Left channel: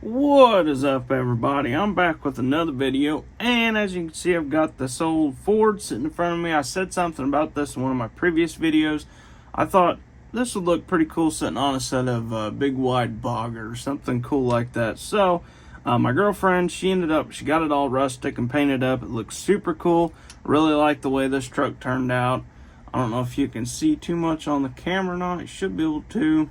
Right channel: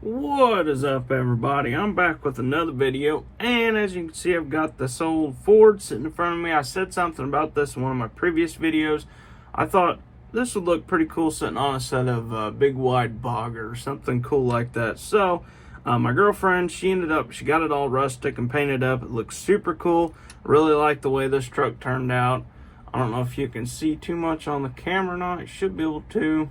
What is up, everybody? I'm back with another video, and as you can see, I've got this old Ford sitting in front of me. I said something about this in one of my previous videos. I thought this would look pretty cool sitting on a set of big wide bogger or something cool like that. So my girlfriend, she got it all rustic and painted up. It looks super cool. Really like the way this truck turned out. I don't know if you can see too much on the camera or not. You should be able to,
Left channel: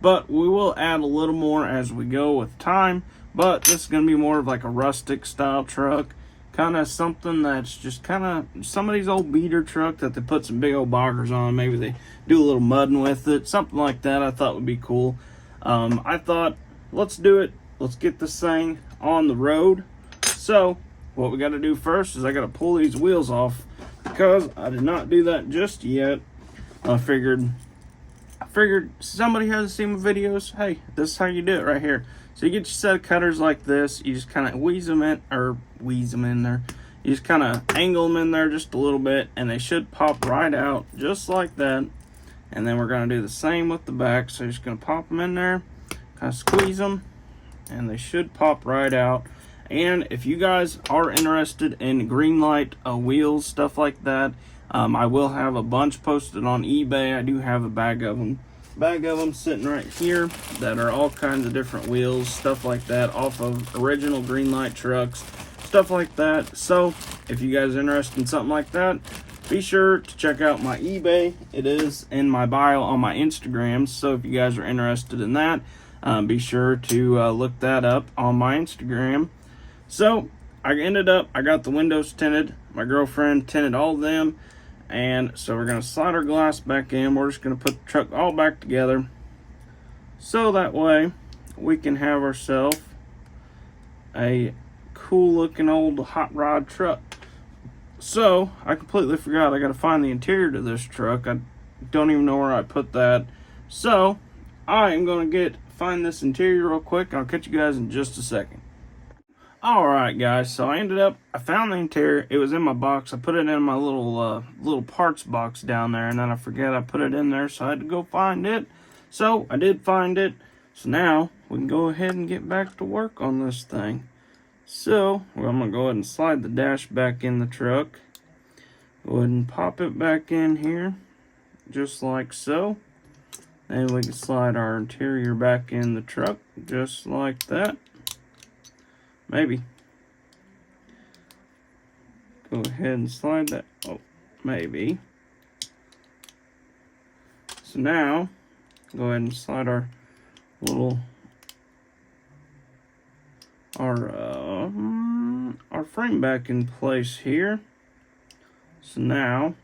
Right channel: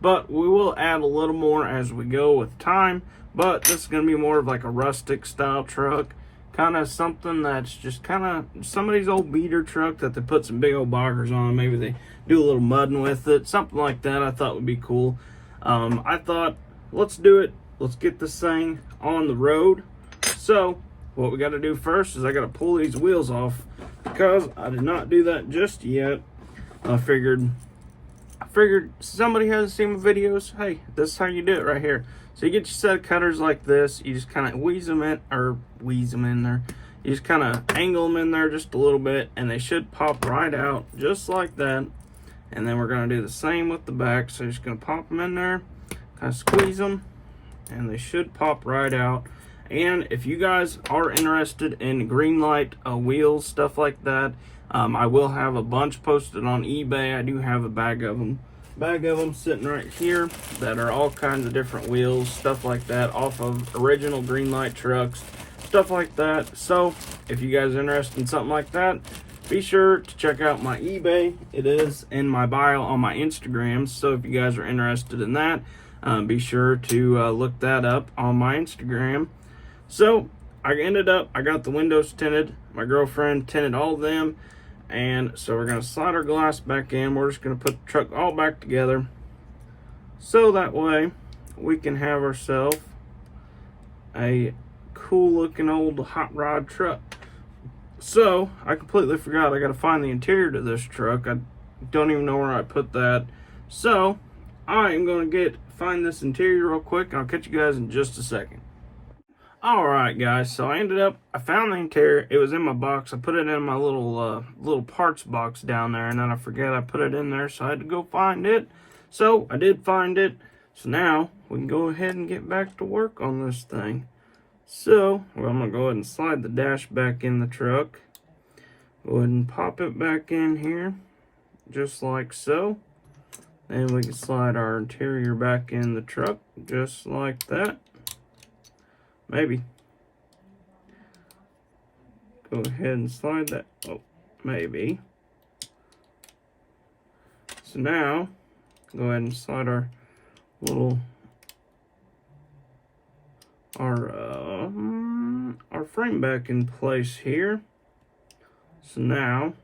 but we will add a little more as we go with time. But this is going to be more of like a rustic style truck, kind of something that's just kind of somebody's old beater truck that they put some big old boggers on. Maybe they do a little mudding with it, something like that. I thought would be cool. I thought, let's do it. Let's get this thing on the road. So what we got to do first is I got to pull these wheels off, because I did not do that just yet. I figured somebody hasn't seen my videos. Hey, this is how you do it right here. So you get your set of cutters like this. You just kind of wheeze them in there. You just kind of angle them in there just a little bit, and they should pop right out just like that. And then we're going to do the same with the back. So you're just going to pop them in there, kind of squeeze them, and they should pop right out. And if you guys are interested in green light wheels, stuff like that, I will have a bunch posted on eBay. I do have a bag of them sitting right here that are all kinds of different wheels, stuff like that, off of original green light trucks, stuff like that. So if you guys are interested in something like that, be sure to check out my eBay. It is in my bio on my Instagram. So if you guys are interested in that, be sure to look that up on my Instagram. So I got the windows tinted. My girlfriend tinted all of them. And so we're going to slide our glass back in. We're just going to put the truck all back together, so that way we can have ourselves a cool looking old hot rod truck. So I completely forgot I got to find the interior to this truck. I don't even know where I put that. So I am going to find this interior real quick. I'll catch you guys in just a second. Alright guys, so I found the interior. It was in my box. I put it in my little parts box down there, and then I forget I put it in there, so I had to go find it. So I did find it. So now we can go ahead and get back to work on this thing. So I'm going to go ahead and slide the dash back in the truck. Go ahead and pop it back in here, just like so. And we can slide our interior back in the truck, just like that. Maybe. Go ahead and slide that. Oh, maybe. So now, go ahead and slide our frame back in place here. So now,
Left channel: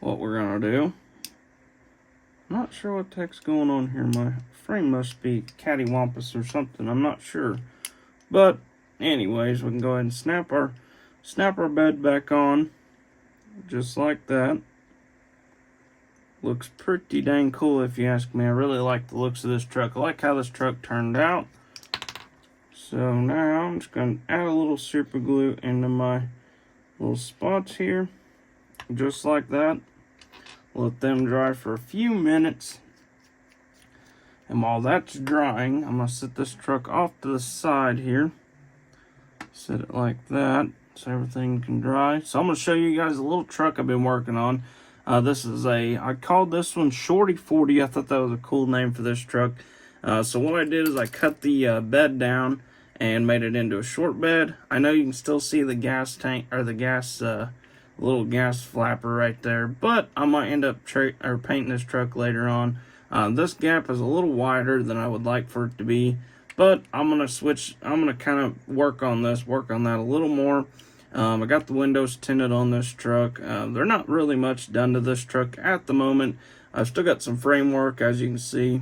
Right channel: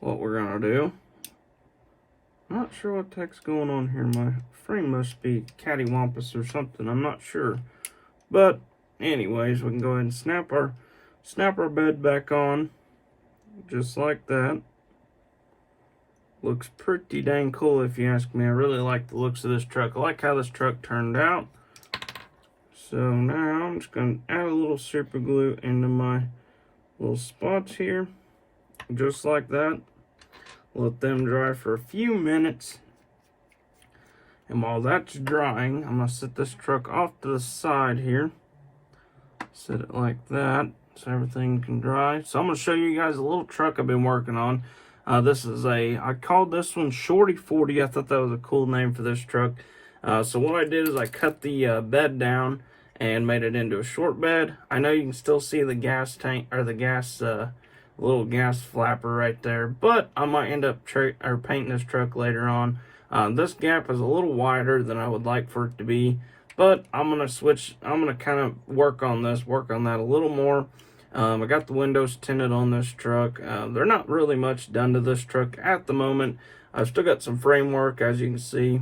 what we're gonna do, I'm not sure what the heck's going on here. My frame must be cattywampus or something. I'm not sure. But anyways, we can go ahead and snap our bed back on, just like that. Looks pretty dang cool if you ask me. I really like the looks of this truck. I like how this truck turned out. So now I'm just going to add a little super glue into my little spots here, just like that. Let them dry for a few minutes. And while that's drying, I'm going to set this truck off to the side here. Set it like that so everything can dry. So I'm going to show you guys a little truck I've been working on. I called this one Shorty 40. I thought that was a cool name for this truck. So what I did is I cut the bed down and made it into a short bed. I know you can still see the gas tank, or the little gas flapper right there, but I might end up painting this truck later on. This gap is a little wider than I would like for it to be, but I'm going to kind of work on that a little more. I got the windows tinted on this truck. They're not really much done to this truck at the moment. I've still got some framework, as you can see.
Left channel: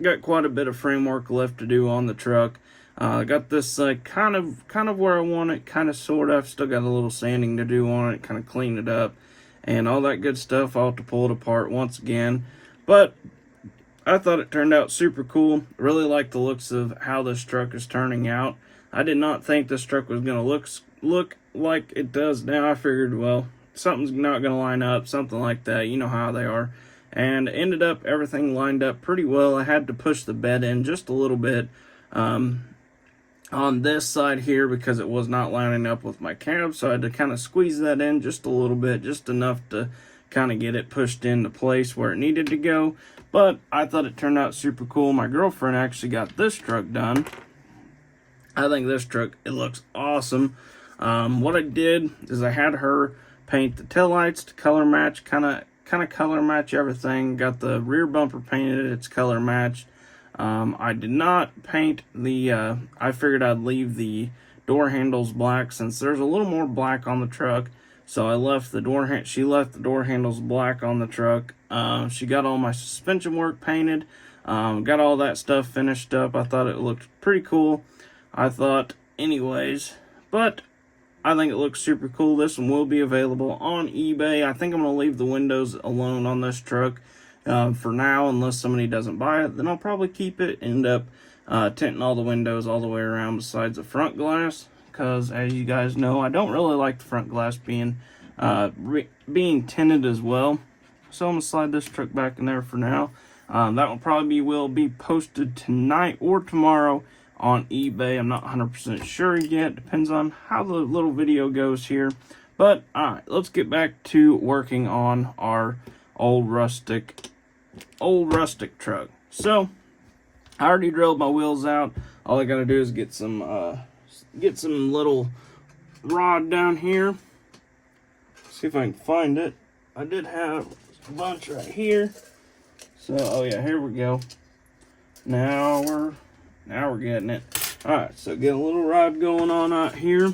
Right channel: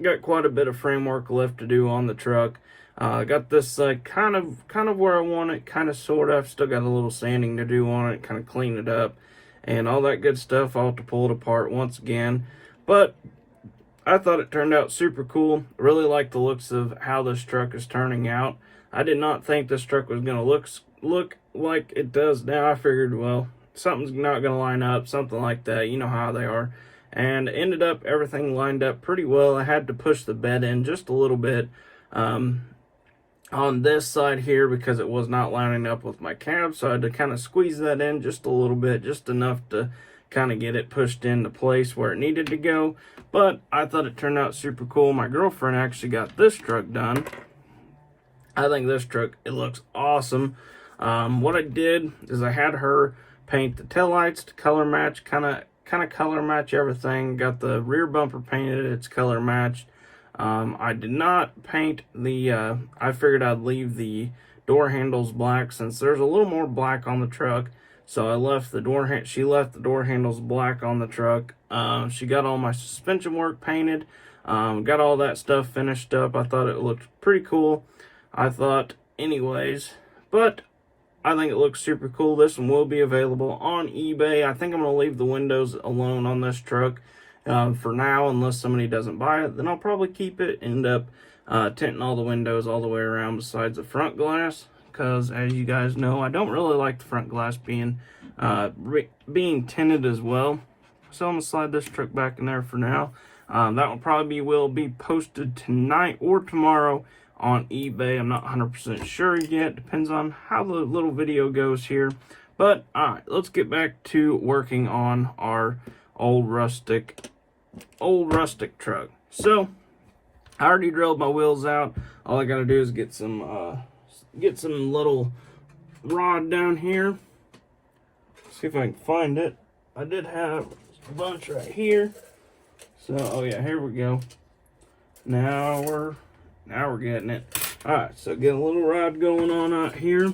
Got quite a bit of framework left to do on the truck. I got this kind of where I want it, kind of sort of. Still got a little sanding to do on it, kind of clean it up, and all that good stuff. I'll have to pull it apart once again, but I thought it turned out super cool. Really like the looks of how this truck is turning out. I did not think this truck was going to look like it does now. I figured, well, something's not going to line up, something like that. You know how they are. and ended up everything lined up pretty well. I had to push the bed in just a little bit on this side here because it was not lining up with my cab, so I had to kind of squeeze that in just a little bit, just enough to kind of get it pushed into place where it needed to go. But I thought it turned out super cool. My girlfriend actually got this truck done. I think this truck, it looks awesome. What I did is I had her paint the taillights to color match, kind of color match everything. Got the rear bumper painted, it's color matched. I did not paint the, I figured I'd leave the door handles black since there's a little more black on the truck. So I left the she left the door handles black on the truck. She got all my suspension work painted, got all that stuff finished up. I thought it looked pretty cool. I thought anyways, but I think it looks super cool. This one will be available on eBay. I think I'm going to leave the windows alone on this truck for now, unless somebody doesn't buy it. Then I'll probably keep it, end up tinting all the windows all the way around besides the front glass, because as you guys know, I don't really like the front glass being tinted as well. So I'm going to slide this truck back in there for now. That will be posted tonight or tomorrow on eBay. I'm not 100% sure yet. Depends on how the little video goes here. But alright, let's get back to working on our old rustic truck. So I already drilled my wheels out. All I gotta do is get some little rod down here. See if I can find it. I did have a bunch right here. So oh yeah, here we go. Now we're getting it. Alright, so get a little rod going on out here.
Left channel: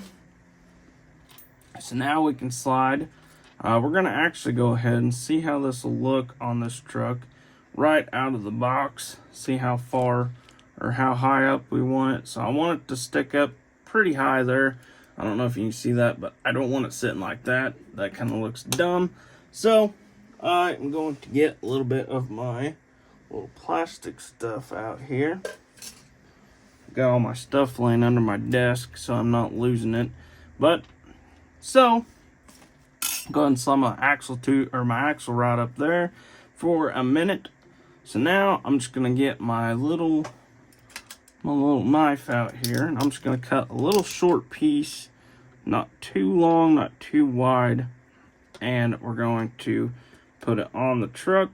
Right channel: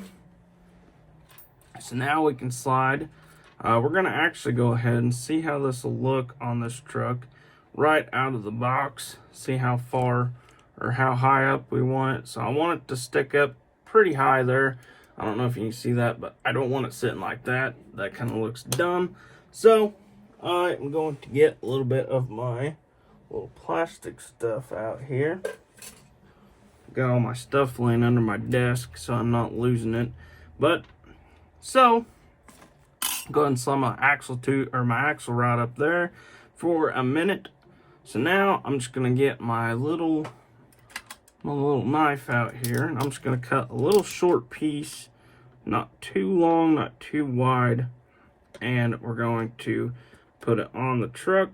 So now we can slide. We're going to actually go ahead and see how this will look on this truck right out of the box. See how far or how high up we want it. So I want it to stick up pretty high there. I don't know if you can see that, but I don't want it sitting like that. That kind of looks dumb. So I'm going to get a little bit of my little plastic stuff out here. Got all my stuff laying under my desk so I'm not losing it. But so go ahead and slide my axle rod up there for a minute. So now I'm just gonna get my little knife out here, and I'm just gonna cut a little short piece, not too long, not too wide, and we're going to put it on the truck.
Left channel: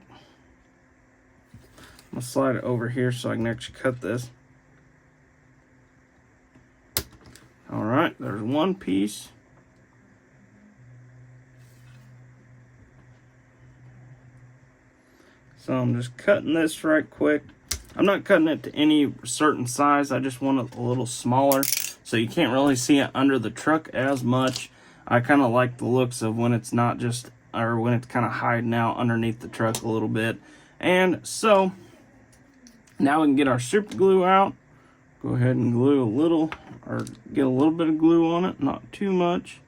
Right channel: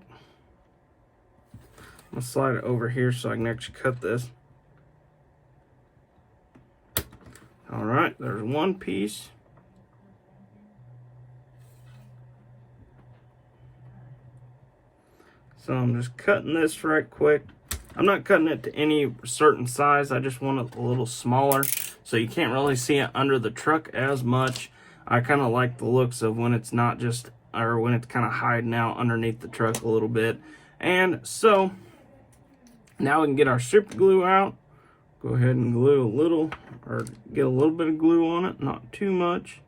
I'm gonna slide it over here so I can actually cut this. All right, there's one piece. So I'm just cutting this right quick. I'm not cutting it to any certain size. I just want it a little smaller so you can't really see it under the truck as much. I kind of like the looks of when it's not just, or when it's kind of hiding out underneath the truck a little bit. And so now we can get our super glue out. Go ahead and glue a little, or get a little bit of glue on it, not too much.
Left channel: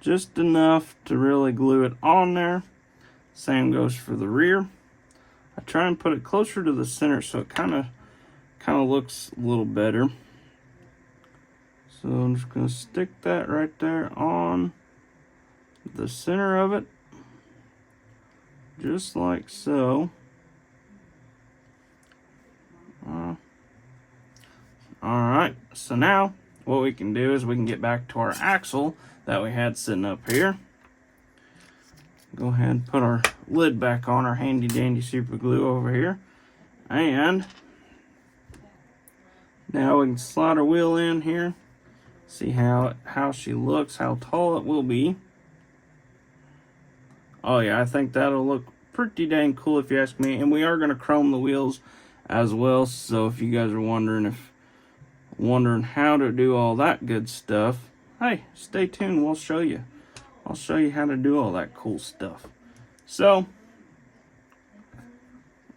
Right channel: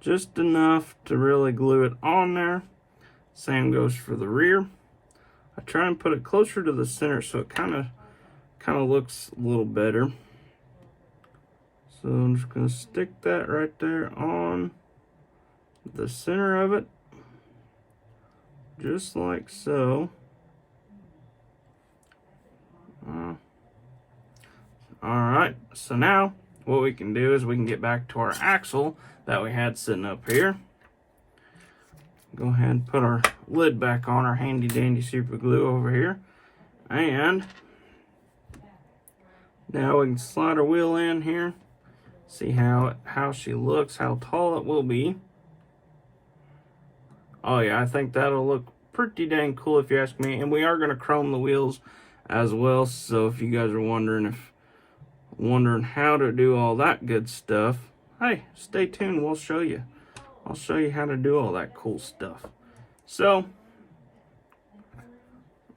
Just enough to really glue it on there. Same goes for the rear. I try and put it closer to the center so it kind of looks a little better. So I'm just going to stick that right there on the center of it, just like so. Alright, so now what we can do is we can get back to our axle that we had sitting up here. Go ahead and put our lid back on our handy dandy super glue over here. And now we can slide our wheel in here. See how she looks, how tall it will be. Oh yeah, I think that'll look pretty dang cool if you ask me. And we are going to chrome the wheels as well. So if you guys are wondering how to do all that good stuff, hey, stay tuned. We'll show you. I'll show you how to do all that cool stuff. So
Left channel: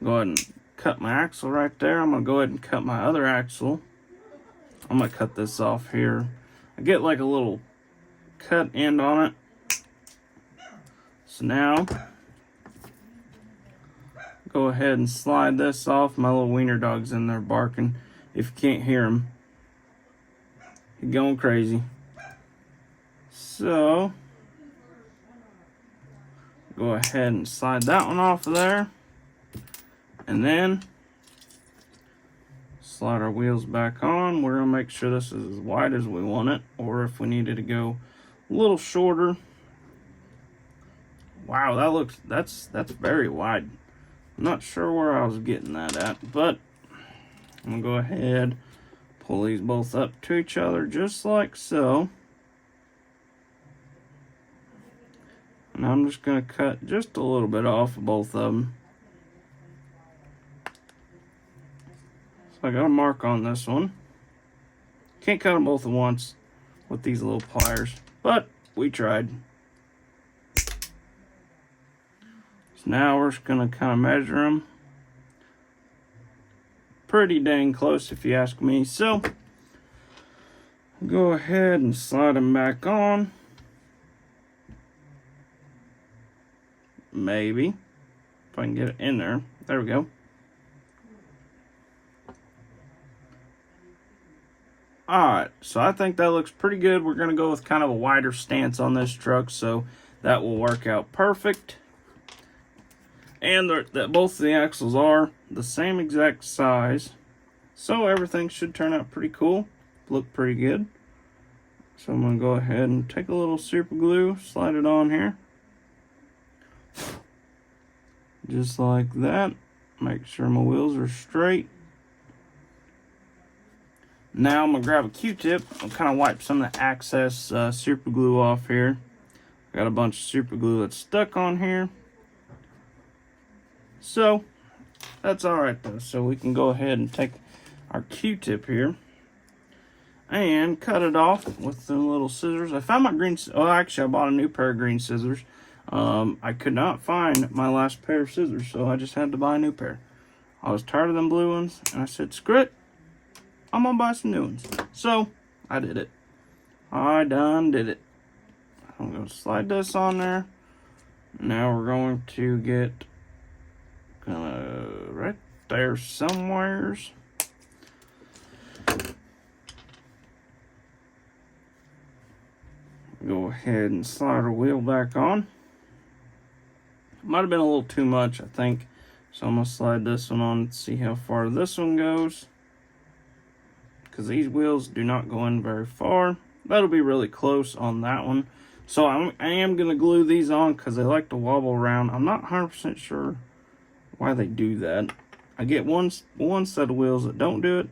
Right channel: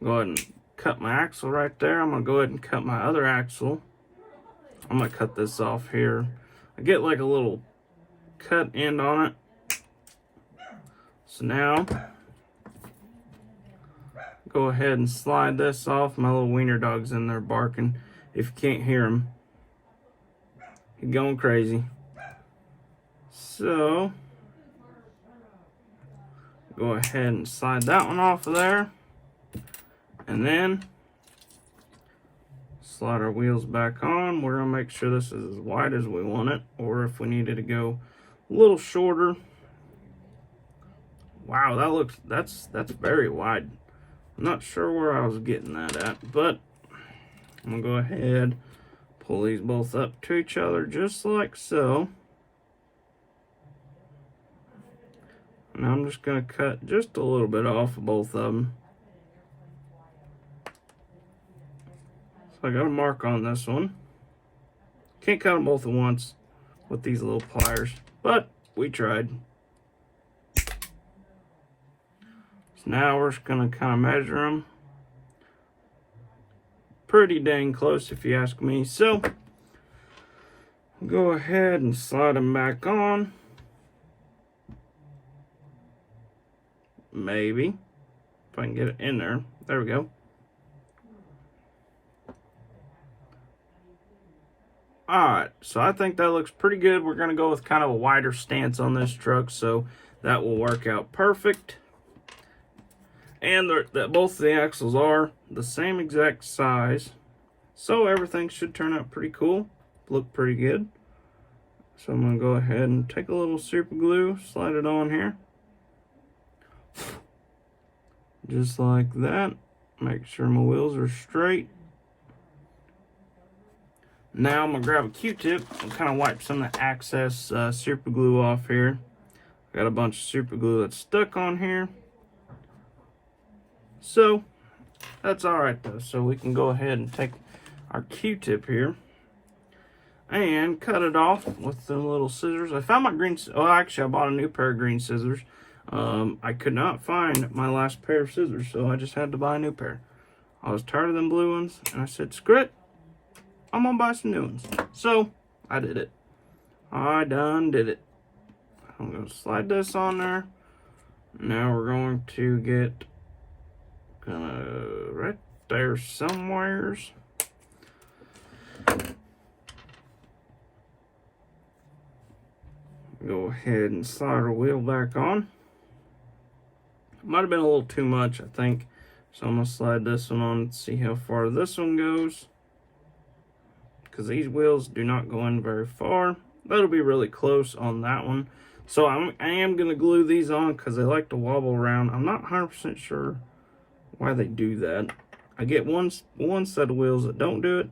go ahead and cut my axle right there. I'm gonna go ahead and cut my other axle. I'm gonna cut this off here. I get like a little cut end on it. So now go ahead and slide this off. My little wiener dog's in there barking. If you can't hear him, he's going crazy. So Go ahead and slide that one off of there. And then slide our wheels back on. We're gonna make sure this is as wide as we want it, or if we needed to go a little shorter. Wow, that's very wide. I'm not sure where I was getting that at, but I'm gonna go ahead, pull these both up to each other just like so. And I'm just gonna cut just a little bit off of both of them. So I got a mark on this one. Can't cut them both at once with these little pliers, but we tried. So now we're just gonna kind of measure them. Pretty dang close if you ask me. So go ahead and slide them back on. Maybe if I can get it in there. There we go. Alright, so I think that looks pretty good. We're going to go with kind of a wider stance on this truck, so that will work out perfect. And both the axles are the same exact size, so everything should turn out pretty cool, look pretty good. So I'm going to go ahead and take a little super glue, slide it on here. Just like that. Make sure my wheels are straight. Now I'm going to grab a Q-tip and kind of wipe some of the excess super glue off here. Got a bunch of super glue that's stuck on here. So that's alright though. So we can go ahead and take our Q-tip here and cut it off with the little scissors. I found my green, oh actually I bought a new pair of green scissors. I could not find my last pair of scissors, so I just had to buy a new pair. I was tired of them blue ones, and I said, screw it, I'm gonna buy some new ones. So I did it. I done did it. I'm gonna slide this on there. Now we're going to get right there somewheres. Go ahead and slide our wheel back on. Might have been a little too much, I think. So I'm gonna slide this one on and see how far this one goes. Because these wheels do not go in very far. That'll be really close on that one. So I am gonna glue these on because they like to wobble around. I'm not 100% sure why they do that. I get one set of wheels that don't do it,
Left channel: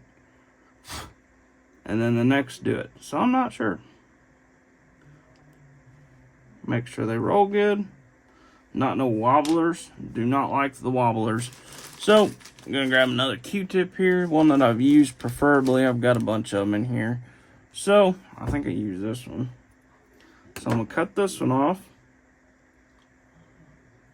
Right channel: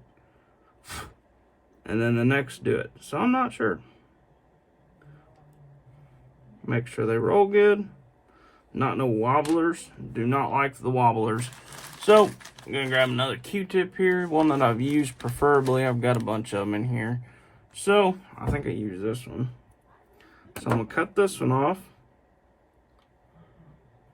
and then the next do it. So I'm not sure. Make sure they roll good. Not no wobblers. Do not like the wobblers. So I'm gonna grab another Q-tip here, one that I've used preferably. I've got a bunch of them in here. So I think I use this one. So I'm gonna cut this one off.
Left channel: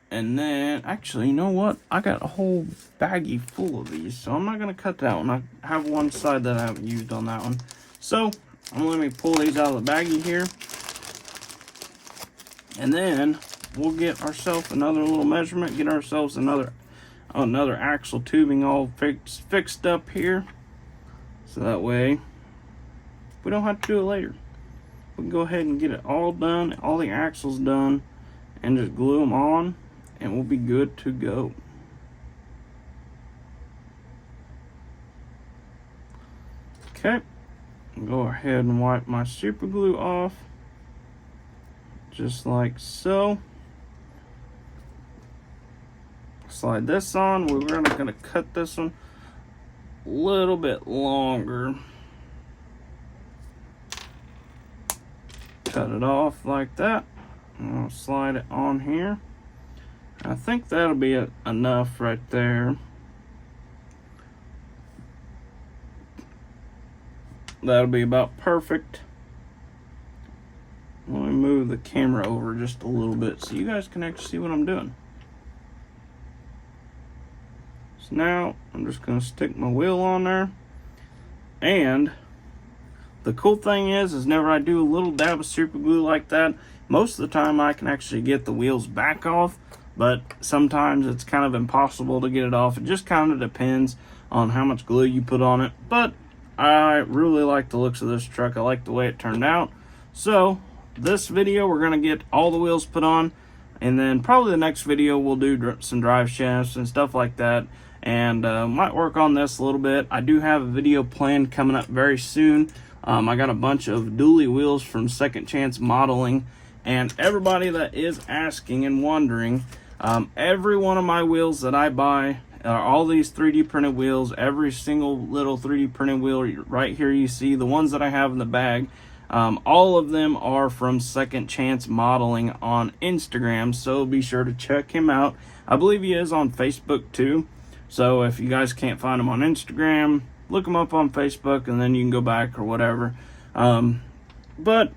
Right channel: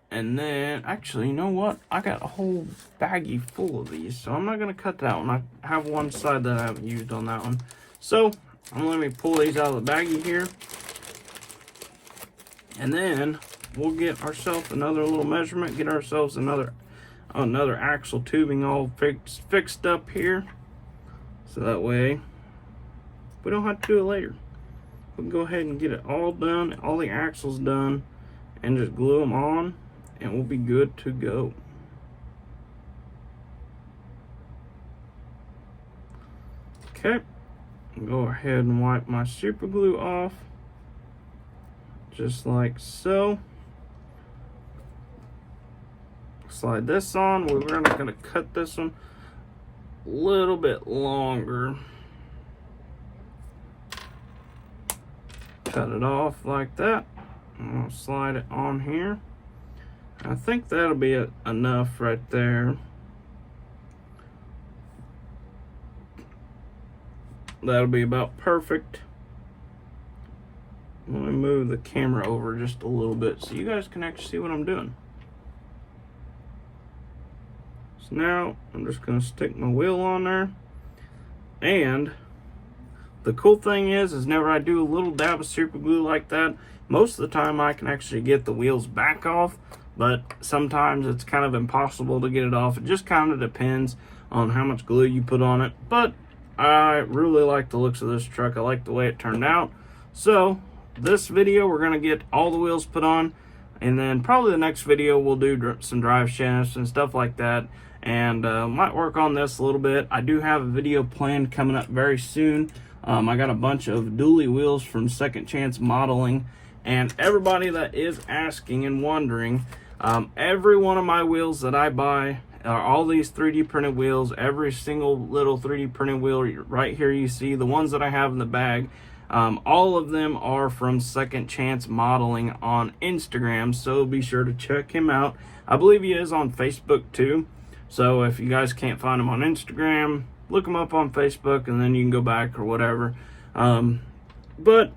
And then, actually, you know what? I got a whole baggie full of these, so I'm not gonna cut that one. I have one side that I haven't used on that one. So I'm gonna let me pull these out of the baggie here. And then we'll get ourselves another little measurement, get ourselves another axle tubing all fixed up here. So that way we don't have to do it later. We can go ahead and get it all done, all the axles done, and just glue them on, and we'll be good to go. Okay, go ahead and wipe my super glue off. Just like so. Slide this on. We're gonna cut this one a little bit longer. Cut it off like that. And I'll slide it on here. I think that'll be enough right there. That'll be about perfect. Let me move the camera over just a little bit so you guys can actually see what I'm doing. So now I'm just going to stick my wheel on there. And the cool thing is whenever I do a little dab of super glue like that, most of the time I can actually get the wheels back off, but sometimes it's kind of impossible to get it off. It just kind of depends on how much glue you put on it. But I really like the looks of this truck. I like the way it turned out. So this video, we're going to get all the wheels put on. And then probably the next video we'll do some drive shafts and stuff like that, and might work on this a little bit. I do have a video planned coming up very soon. I got a bunch of dually wheels from Second Chance Modeling, and everybody that is asking and wondering, every one of my wheels that I buy are all these 3D printed wheels. Every single little 3D printed wheel right here you see, the ones that I have in the bag, all of them are from Second Chance Modeling on Instagram, so be sure to check him out. I believe he is on Facebook too, so if you guys can't find him on Instagram, look him up on Facebook and then you can go back or whatever. But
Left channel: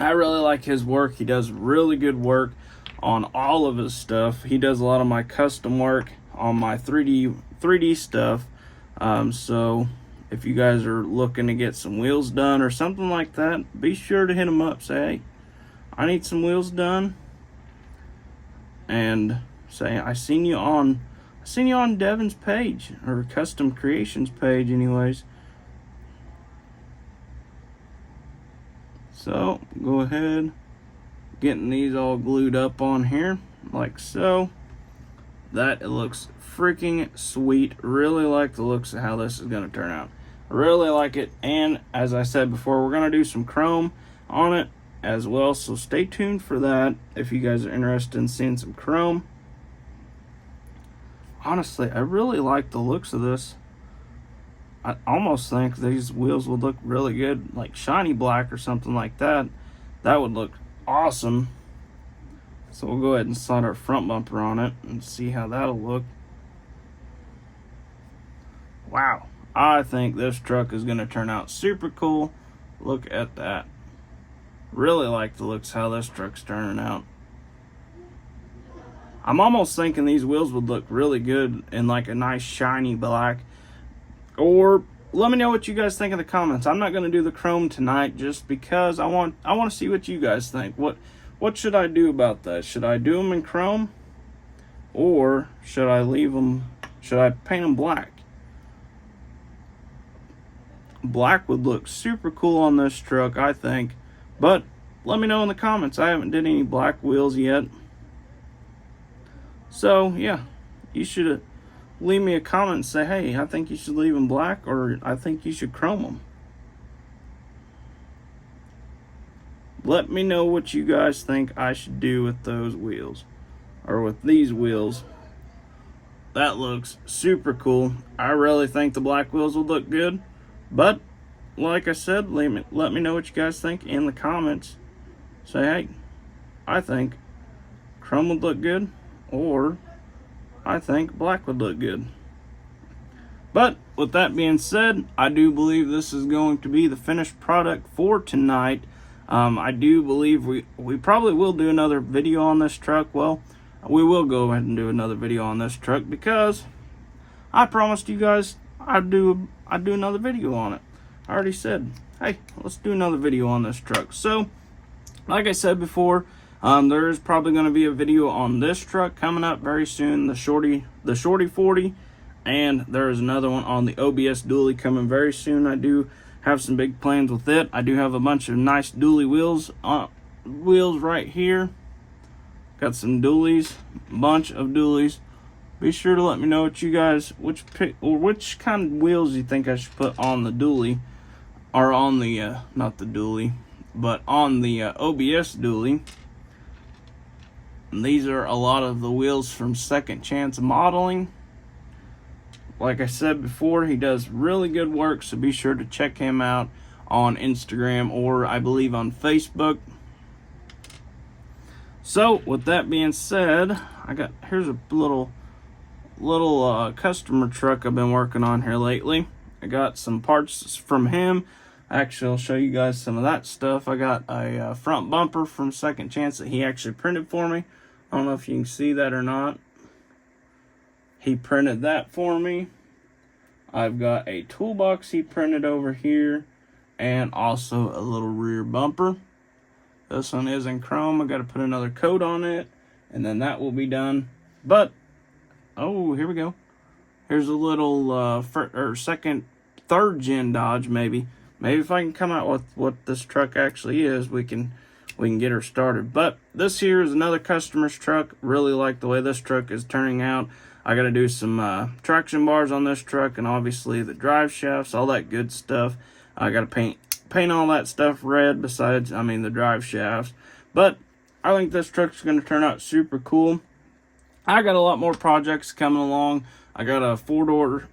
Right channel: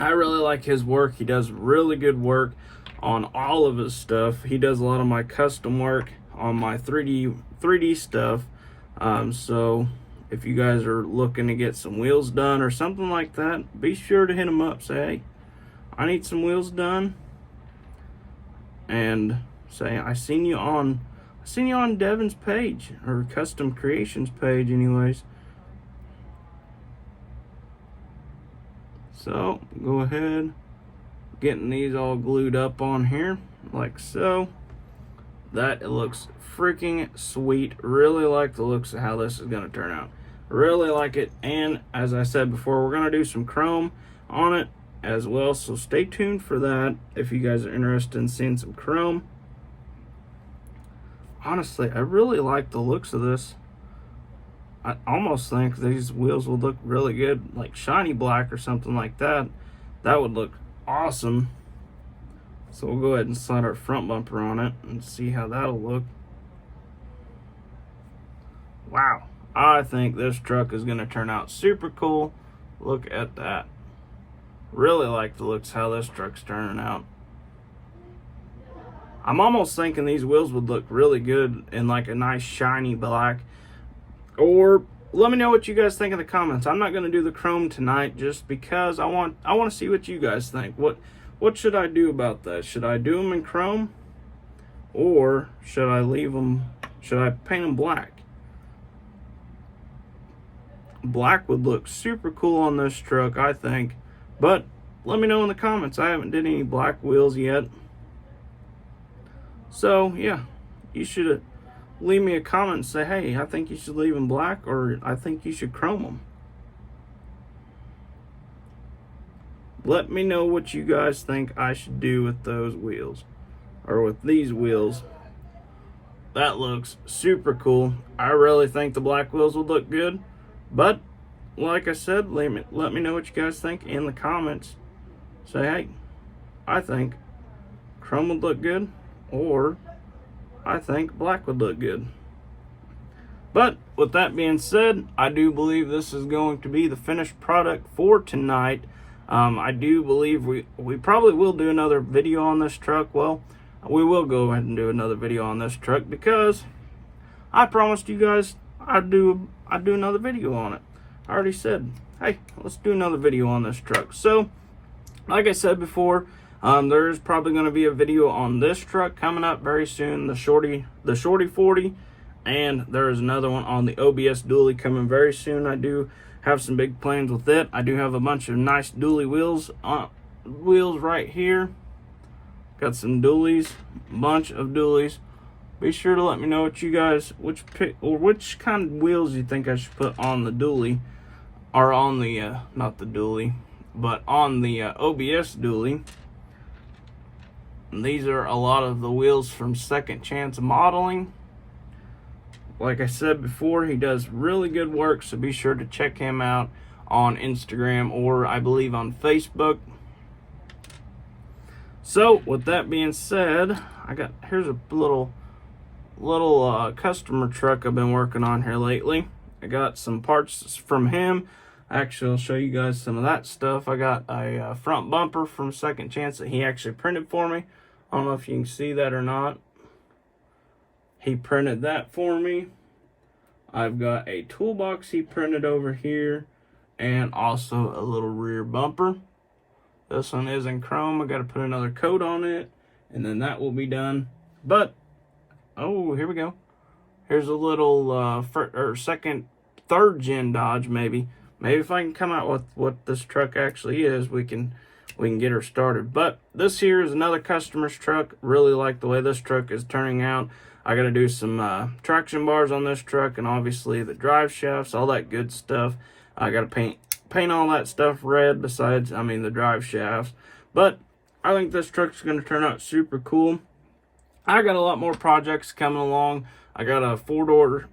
I really like his work. He does really good work on all of his stuff. He does a lot of my custom work on my 3D stuff. So if you guys are looking to get some wheels done or something like that, be sure to hit him up. Say, hey, I need some wheels done, and say I seen you on Devin's page, or Custom Creations page anyways. So go ahead, getting these all glued up on here like so. That it looks freaking sweet. Really like the looks of how this is going to turn out. Really like it. And as I said before, we're going to do some chrome on it as well, so stay tuned for that if you guys are interested in seeing some chrome. Honestly, I really like the looks of this. I almost think these wheels would look really good, like shiny black or something like that. That would look awesome. So we'll go ahead and slide our front bumper on it and see how that'll look. Wow, I think this truck is going to turn out super cool. Look at that. Really like the looks how this truck's turning out. I'm almost thinking these wheels would look really good in like a nice shiny black. Or let me know what you guys think in the comments. I'm not going to do the chrome tonight just because I want to see what you guys think. What should I do about that? Should I do them in chrome, or should I leave them? Should I paint them black? Black would look super cool on this truck, I think. But let me know in the comments. I haven't did any black wheels yet. So yeah, you should leave me a comment and say, hey, I think you should leave them black, or I think you should chrome them. Let me know what you guys think I should do with those wheels, or with these wheels. That looks super cool. I really think the black wheels would look good, but like I said, let me know what you guys think in the comments. Say, hey, I think chrome would look good, or I think black would look good. But with that being said, I do believe this is going to be the finished product for tonight. I do believe we probably will do another video on this truck. Well, we will go ahead and do another video on this truck because I promised you guys I'd do another video on it. I already said, hey, let's do another video on this truck. So, like I said before, there is probably going to be a video on this truck coming up very soon, the Shorty 40, and there is another one on the OBS dually coming very soon. I do have some big plans with it. I do have a bunch of nice dually wheels right here. Got some dualies, bunch of dualies. Be sure to let me know what you guys, which kind of wheels you think I should put on the dually, or on the not the dually, but on the OBS dually. And these are a lot of the wheels from Second Chance Modeling. Like I said before, he does really good work, so be sure to check him out on Instagram, or I believe on Facebook. So with that being said, here's a little customer truck I've been working on here lately. I got some parts from him. Actually, I'll show you guys some of that stuff. I got a front bumper from Second Chance that he actually printed for me. I don't know if you can see that or not. He printed that for me. I've got a toolbox he printed over here, and also a little rear bumper. This one is in chrome. I got to put another coat on it, and then that will be done. But oh, here we go. Here's a little third gen Dodge maybe. Maybe if I can come out with what this truck actually is, we can we can get her started. But this here is another customer's truck. Really like the way this truck is turning out. I got to do some traction bars on this truck, and obviously the drive shafts, all that good stuff. I got to paint all that stuff red besides, the drive shafts. But I think this truck's going to turn out super cool. I got a lot more projects coming along. I got a four-door,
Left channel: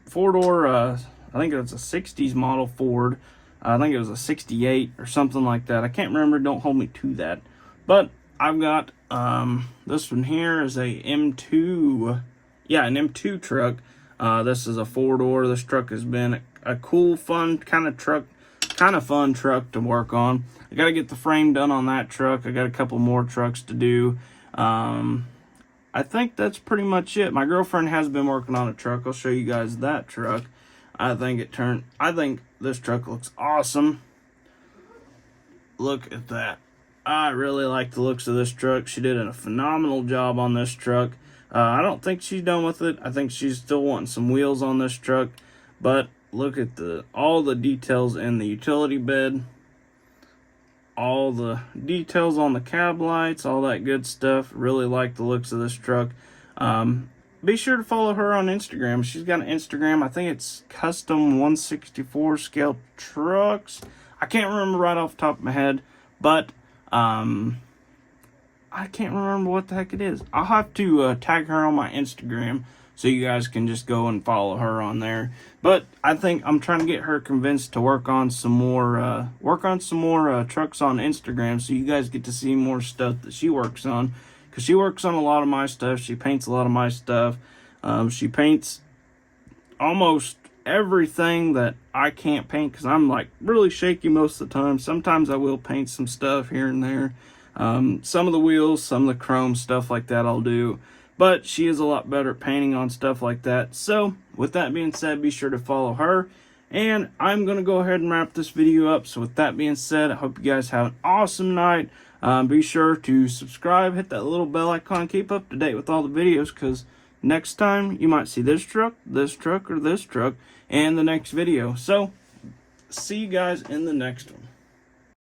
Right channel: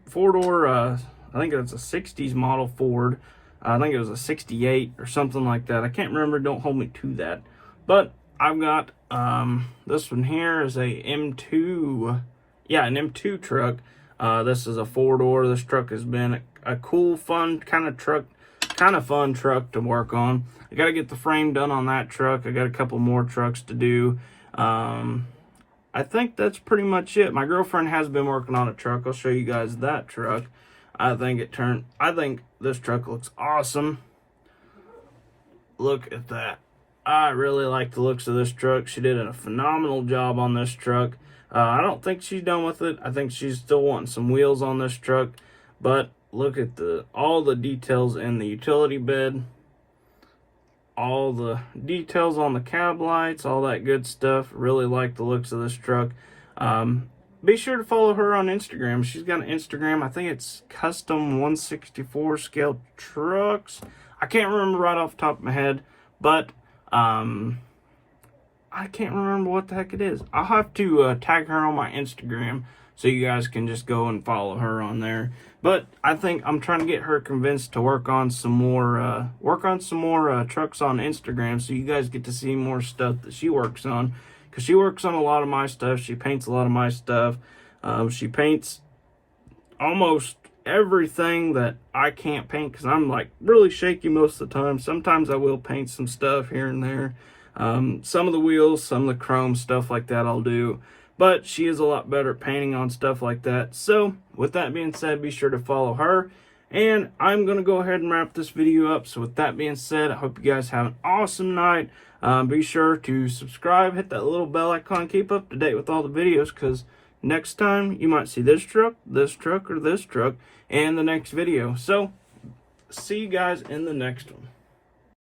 I think it's a 60s model Ford. I think it was a 68 or something like that. I can't remember, don't hold me to that. But I've got this one here is a M2, an M2 truck. This is a 4-door. This truck has been a cool, fun kind of fun truck to work on. I got to get the frame done on that truck. I got a couple more trucks to do. I think that's pretty much it. My girlfriend has been working on a truck. I'll show you guys that truck. I think this truck looks awesome. Look at that. I really like the looks of this truck. She did a phenomenal job on this truck. I don't think she's done with it. I think she's still wanting some wheels on this truck. But look at all the details in the utility bed. All the details on the cab lights, all that good stuff. Really like the looks of this truck. Be sure to follow her on Instagram. She's got an Instagram. I think it's custom 164 scale trucks. I can't remember right off the top of my head, but I can't remember what the heck it is. I'll have to tag her on my Instagram so you guys can just go and follow her on there. But I think I'm trying to get her convinced to work on some more trucks on Instagram, so you guys get to see more stuff that she works on. Because she works on a lot of my stuff. She paints a lot of my stuff. She paints almost everything that I can't paint because I'm like really shaky most of the time. Sometimes I will paint some stuff here and there. Some of the wheels, some of the chrome, stuff like that I'll do. But she is a lot better at painting on stuff like that. So, with that being said, be sure to follow her. And I'm going to go ahead and wrap this video up. So, with that being said, I hope you guys have an awesome night. Be sure to subscribe, hit that little bell icon, keep up to date with all the videos. Because next time, you might see this truck, or this truck in the next video. So, see you guys in the next one.